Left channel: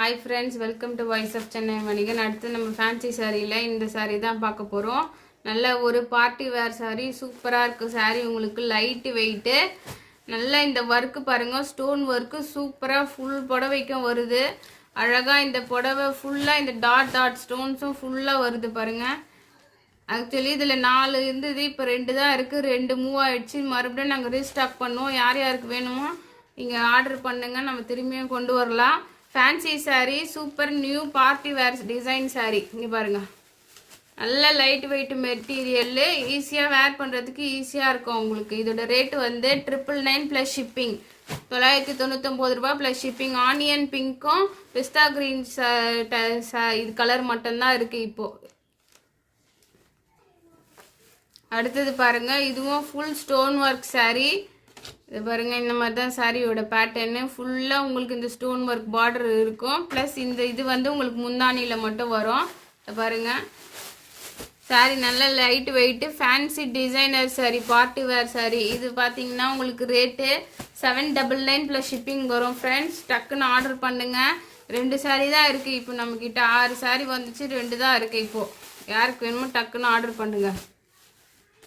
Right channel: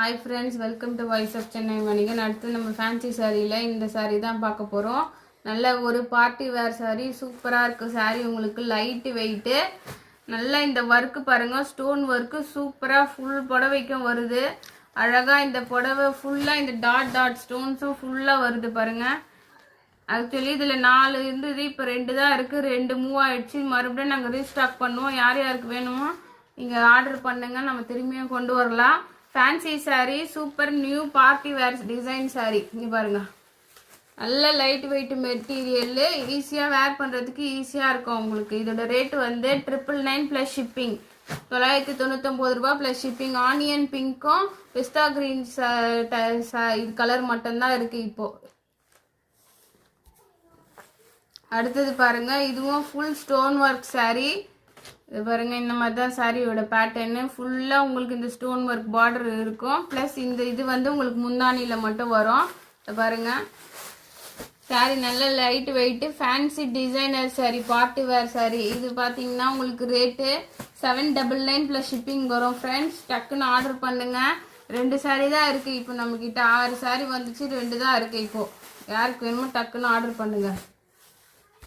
Hi friends, welcome to Voice of Chennai Manigan. அடுத்து நம்ம fancy சாரியில இந்த சாரி தான் பார்க்க போறோம். நல்ல ஒரு பார்ட்டி வேர் சாரி, சூப்பரா இருக்கு சாரி. உங்களுக்கு லைட் வெயிட், நல்ல இந்த வர்க் பாருங்க, ஸ்டோன் வர்க் சூப்பரா ஃபுல் புடவைக்கும் வருது. அழகா இந்த புடவை ஃபுல்லா இந்த டாட் டாட் ஸ்டோன்ஸும் ஃபுல்லா வருது பாருங்க. ஆக்சுவலி இதுல 4 இருந்தது, இப்போ 2 தான் இருக்கு. 2 மூவ் ஆயிடுச்சு. மறுபடியும் நாங்கள் ரீஸ்டாக் பண்ணுவோம். யார் யாருக்கு வேணுமோ நீங்க ஆர்டர் பண்ணுங்க, நம்ம திரும்பியும் கொண்டு வரலாம். Fancy sorry, super new party wear design sorry. இங்க பாருங்க, நல்ல லைட் வெயிட் மெட்டீரியல், ஈஸியா வேர் பண்றதுக்கு ஈஸியா இருக்கும் உங்களுக்கு. இதோட ரேட் வந்து 999 பிளஸ் ஷிப்பிங், 999 ரூபாய் பிளஸ் ஷிப்பிங். ஆனியன் பிங்க்கும் பிஸ்தா கிரீன் இது கலர் மட்டும்தான் இருக்கு இப்போ. அடுத்தது பாருங்க, இதுவும் ஃபுல் ஸ்டோன் ஒர்க் சாரி. இது பாருங்க, இந்த மாதிரி தான் சாரியோட பேட்டர்னு. ஃபுல்லா உங்களுக்கு இந்த ஸ்டோன் ஒர்க் பார்டர் இருக்கும். பிளஸ் இந்த இது வந்து உங்களுக்கு முந்தானியில மட்டும் வரும். இது பாருங்க, சாரி நல்ல light weight fancy designer sorry, party wear sorry. இது பாத்தீங்கன்னா உங்களுக்கு ரேட்டு 799 பிளஸ் ஷிப்பிங் வரும். ஃப்ரெண்ட்ஸ், டக்குன்னு ஆர்டர் பண்ணுங்க. 2 சாரி தான் இருக்கு இப்போ நம்ம கிட்ட. 6 சாரி வந்துச்சு, 2 தான் இருக்கு இப்போ. யாருக்கு வேணுமோ டக்குன்னு ஆர்டர் பண்ணுங்க.